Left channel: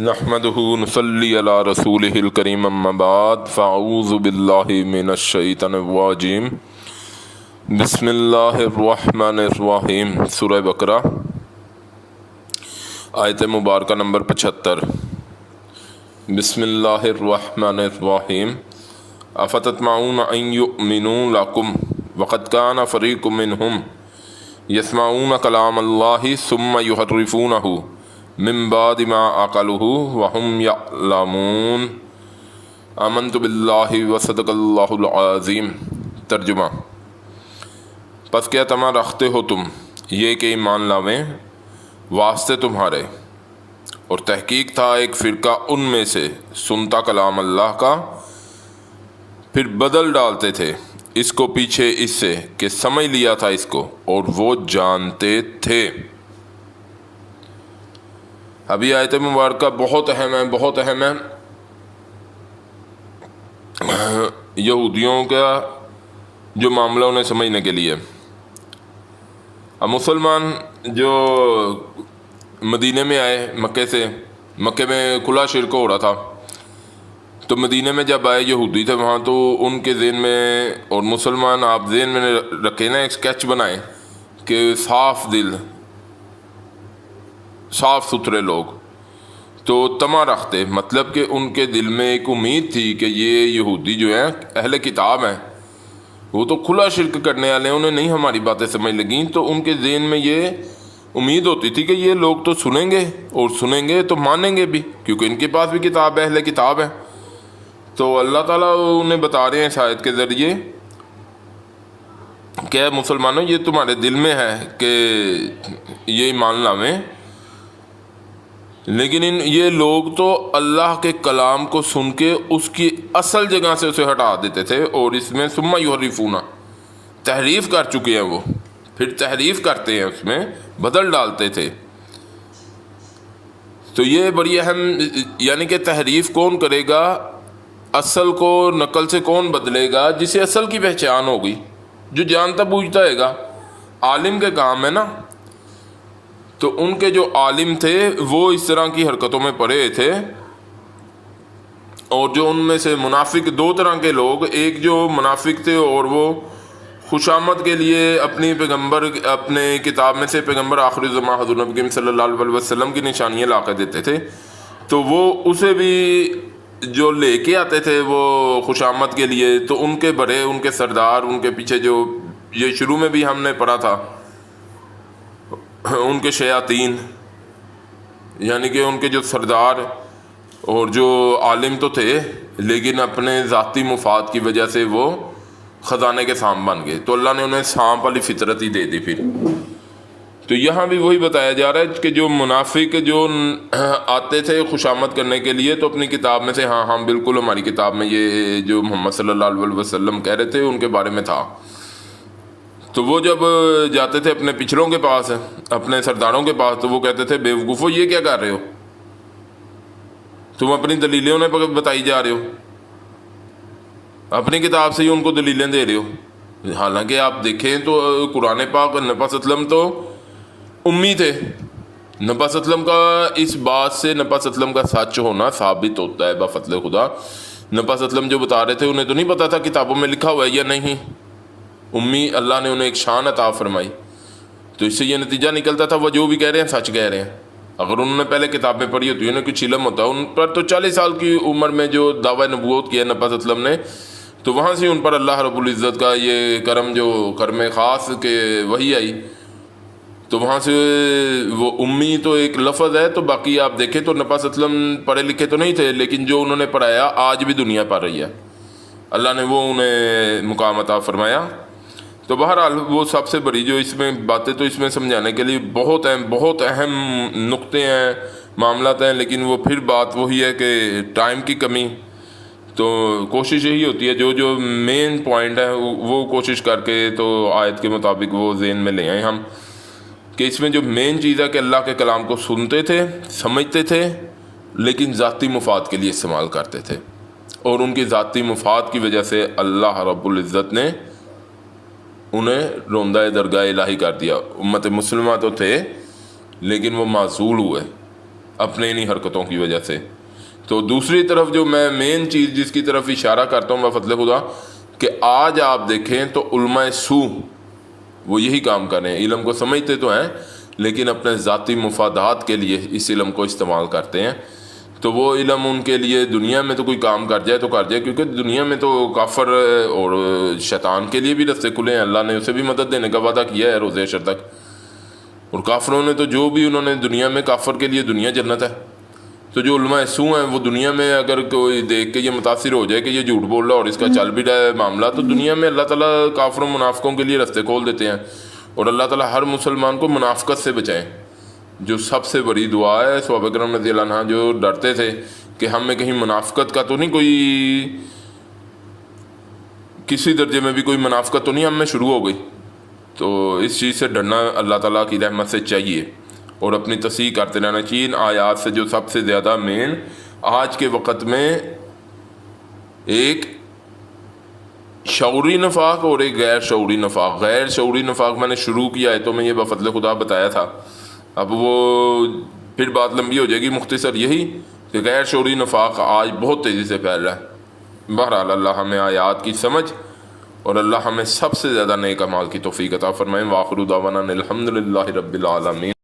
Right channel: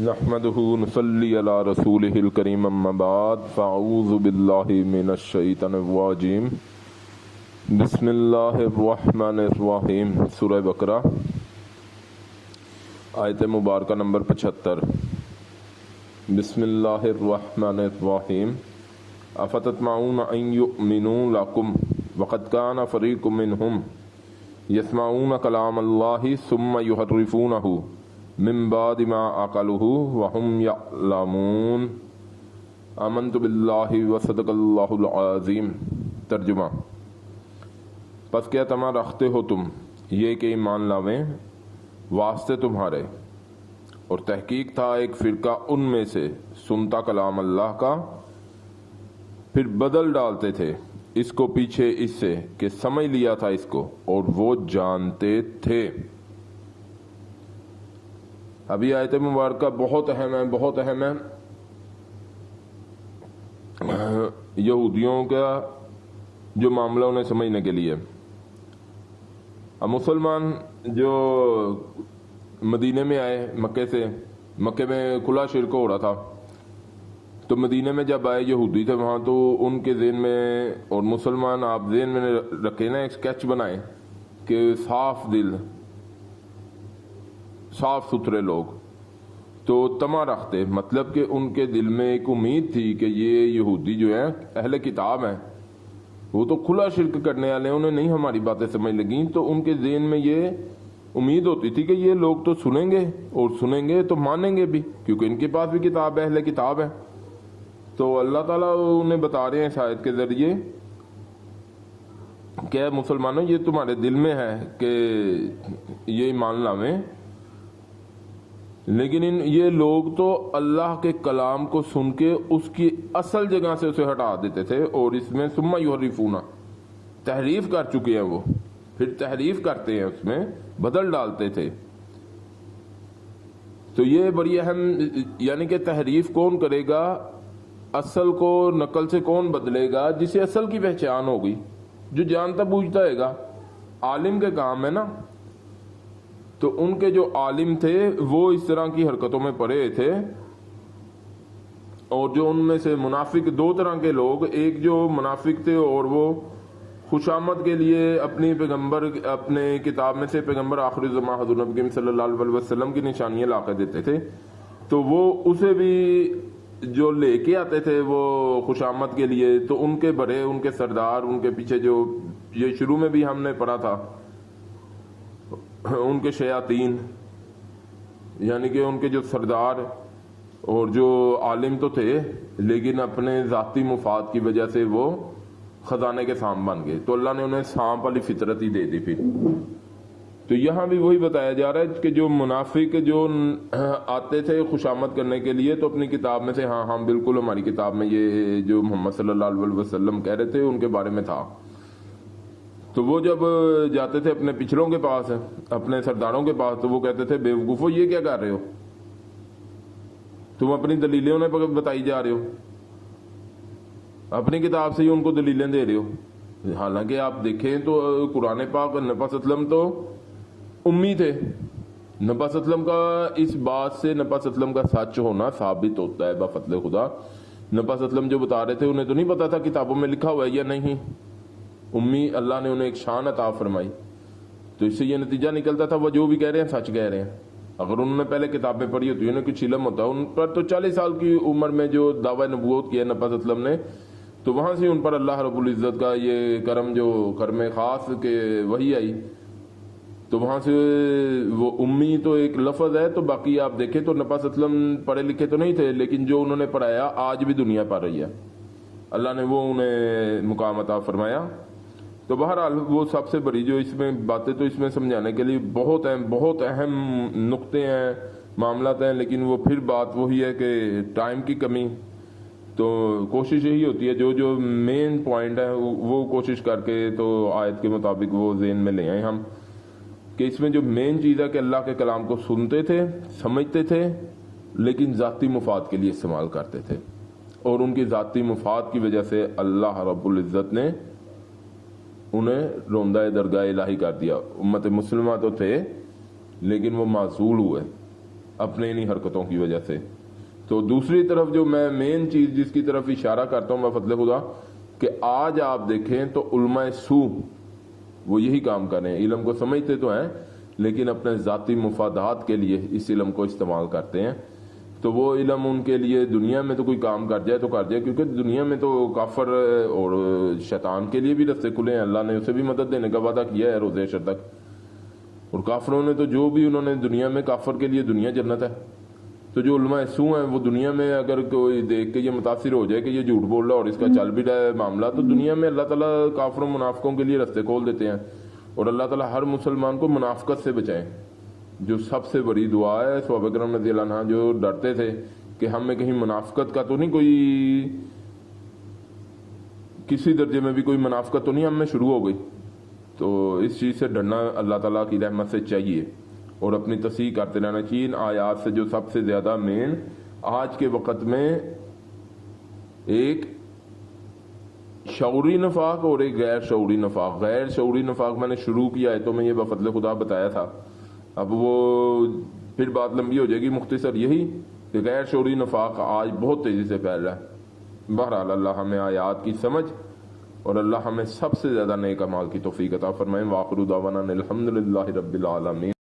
نحمدہ نصلی علی رسولہ الکریم اما بعد فاعوذ باللہ من الشیطان الرجیم بسم اللہ الرحمن الرحیم سورہ بقرہ آیت مبارکہ نمبر 75۔ بسم اللہ الرحمن الرحیم افتطمعون ان یؤمنوا لکم وقد کان فریق منہم یسمعون کلام اللہ ثم یحرفونہ من بعد ما عقلوہ وہم یعلمون۔ آمنت باللہ وصدق اللہ العظیم۔ ترجمہ: پس کیا تمام رکھتے ہو تم یہ کہ ایمان لاویں واسطے تمہارے، اور تحقیق تھا ایک فرقہ ان میں سے سنتا کلام اللہ کا، پھر بدل ڈالتے تھے اس کو پیچھے اس سے کہ سمجھ لیا تھا اس کو، اور وہ جانتے تھے۔ ابھی آیت مبارکہ بہت اہم ہے، بہت اہم ہے۔ یہودیوں کا جو معاملہ انہیں سمجھنے کے لیے، اب مسلمان جو مدینے میں آئے مکے سے، مکے میں کھلا شرک ہو رہا تھا، تو مدینے میں جب آئے یہودی تھے وہاں، تو ان کے ذہن میں، اور مسلمان آپ ذہن میں رکھے نا، ایک اسکیچ بنائیں کہ صاف دل، صاف ستھرے لوگ تو تما رکھتے، مطلب کہ ان کے دل میں ایک امید تھی کہ یہ یہودی جو ہیں اہل کتاب ہیں، وہ تو کھلا شرک کرنے والے ہیں، انہیں نہیں ہماری باتیں سمجھ لگیں، تو ان کے ذہن میں یہ امید ہوتی تھی کہ یہ لوگ تو سنیں گے، اور سنیں گے تو مانیں گے بھی، کیونکہ ان کے پاس بھی کتاب ہے، اہل کتاب ہے۔ تو اللہ تعالیٰ انہیں بتا رہے ہیں اس آیت کے ذریعے کہ مسلمانوں یہ تمہارے دل میں ہے کہ یہ ایمان لاویں، لیکن یہ لوگ تو اللہ کے کلام کو سن کے اس کی اصل جگہ سے اسے ہٹا دیتے تھے، اور اس میں ثم یحرفون، تحریف کر چکے ہیں، وہ پھر تحریف کرتے ہیں، اس میں بدل ڈالتے تھے۔ تو یہ بڑی اہم، یعنی کہ تحریف کون کرے گا، اصل کو نقل سے کون بدلے گا، جسے اصل کی پہچان ہوگی، جو جانتا بوجھتا ہے گا، عالم کے کام ہے نا۔ تو ان کے جو عالم تھے وہ اس طرح کی حرکتوں میں پڑے تھے، اور جو ان میں سے منافق، دو طرح کے لوگ، ایک جو منافق تھے اور وہ خوشامد کے لیے اپنی پیغمبر، اپنے کتاب میں سے پیغمبر آخر الزمان حضور نبی کریم صلی اللہ علیہ وسلم کی نشانیاں لا کے دیتے تھے، تو وہ اسے بھی جو لے کے آتے تھے وہ خوشامد کے لیے، تو ان کے بڑے، ان کے سردار، ان کے پیچھے جو یہ شروع میں بھی ہم نے پڑھا تھا، ان کے شیاطین، یعنی کہ ان کے جو سردار اور جو عالم تو تھے، لیکن اپنے ذاتی مفاد کی وجہ سے وہ خزانے کے سانپ بن گئے، تو اللہ نے انہیں سانپ والی فطرت ہی دے دی پھر۔ تو یہاں بھی وہی بتایا جا رہا ہے کہ جو منافق جو آتے تھے خوشامد کرنے کے لیے، تو اپنی کتاب میں سے ہاں ہاں بالکل ہماری کتاب میں یہ جو محمد صلی اللہ علیہ وسلم کہہ رہے تھے ان کے بارے میں تھا، تو وہ جب جاتے تھے اپنے پچھڑوں کے پاس، اپنے سرداروں کے پاس، تو وہ کہتے تھے بے وقوفو یہ کیا کر رہے ہو، تم اپنی دلیلیں انہیں بتائی جا رہے ہو، اپنی کتاب سے ہی ان کو دلیلیں دے رہے ہو۔ حالانکہ آپ دیکھیں تو قرآن پاک، نبی صلی اللہ علیہ وسلم تو امی تھے، نبی صلی اللہ علیہ وسلم کا اس بات سے نبی صلی اللہ علیہ وسلم کا سچ ہونا ثابت ہوتا ہے بفضل خدا۔ نبی صلی اللہ علیہ وسلم جو بتا رہے تھے انہیں تو نہیں پتا تھا کتابوں میں لکھا ہوا ہے یا نہیں، امی، اللہ نے انہیں ایک شان عطا فرمائی، تو اس سے یہ نتیجہ نکلتا تھا وہ جو بھی کہہ رہے ہیں سچ کہہ رہے ہیں۔ اگر انہوں نے پہلے کتابیں پڑھی ہوتی، انہیں کچھ علم ہوتا ان پر، تو 40 سال کی عمر میں جو دعویٰ نبوت کیا نبی صلی اللہ علیہ وسلم نے، تو وہاں سے ان پر اللہ رب العزت کا یہ کرم، جو کرم خاص کہ وہی آئی، تو وہاں سے وہ امی تو ایک لفظ ہے، تو باقی آپ دیکھیں تو نبی صلی اللہ علیہ وسلم پڑھے لکھے تو نہیں تھے، لیکن جو انہوں نے پڑھایا آج بھی دنیا پڑھ رہی ہے، اللہ نے وہ انہیں مقام عطا فرمایا۔ تو بہرحال وہ سب سے بڑی جو اس میں باتیں، تو اس میں سمجھانے کے لیے بہت اہم نقطے ہیں، معاملات ہیں، لیکن وہ پھر بات وہی ہے کہ ٹائم کی کمی، تو کوشش یہی ہوتی ہے جو مین پوائنٹ ہے وہ کوشش کر کے تو آیت کے مطابق وہ ذہن میں لے آئیں ہم، کہ اس میں جو مین چیز ہے کہ اللہ کے کلام کو سنتے تھے، سمجھتے تھے، لیکن ذاتی مفاد کے لیے استعمال کرتے تھے، اور ان کی ذاتی مفاد کی وجہ سے اللہ رب العزت نے انہیں روندہ درگاہ الہی کر دیا۔ امت مسلمہ تو تھے لیکن وہ معزول ہوئے، اپنے انہی حرکتوں کی وجہ سے۔ تو دوسری طرف جو میں مین چیز جس کی طرف اشارہ کرتا ہوں بفضل خدا، کہ آج آپ دیکھیں تو علماء سو وہ یہی کام کر رہے ہیں، علم کو سمجھتے تو ہیں لیکن اپنے ذاتی مفادات کے لیے اس علم کو استعمال کرتے ہیں۔ تو وہ علم ان کے لیے دنیا میں تو کوئی کام کر جائے تو کر جائے، کیونکہ دنیا میں تو کافر اور شیطان کے لیے بھی رستے کھلے ہیں، اللہ نے اسے بھی مدد دینے کا وعدہ کیا ہے روز حشر تک۔ اور کافروں نے تو جو بھی انہوں نے دنیا میں، کافر کے لیے دنیا جنت ہے۔ تو جو علماء سو ہیں وہ دنیا میں اگر کوئی دیکھ کے یہ متاثر ہو جائے کہ یہ جھوٹ بول رہا ہے اور اس کا چل بھی رہا ہے معاملہ، تو دنیا میں اللہ تعالیٰ کافروں منافقوں کے لیے رستے کھول دیتے ہیں۔ اور اللہ تعالیٰ ہر مسلمان کو منافقت سے بچائیں، جو سب سے بڑی دعا ہے۔ صحابہ اکرام رضی اللہ عنہ جو ڈرتے تھے کہ ہم میں کہیں منافقت کا تو نہیں، کوئی کسی درجے میں بھی کوئی منافقت تو نہیں ہم میں شروع ہو گئی، تو اس چیز سے ڈرنا اللہ تعالیٰ کی رحمت سے چاہیے اور اپنی تصحیح کرتے رہنا چاہیے۔ ان آیات سے جو سب سے زیادہ مین آج کے وقت میں ایک شعوری نفاق اور ایک غیر شعوری نفاق، غیر شعوری نفاق میں نے شروع کیا ہے تو میں یہ بفضل خدا بتایا تھا، اب وہ پھر بات لمبی ہو جائے گی، مختصر یہی کہ غیر شعوری نفاق آج بہت تیزی سے پھیل رہا ہے۔ بہرحال اللہ ہمیں آیات کی سمجھ اور اللہ ہمیں سب سے زیادہ نیک اعمال کی توفیق عطا فرمائے۔ وآخر دعوانا الحمد للہ رب العالمین۔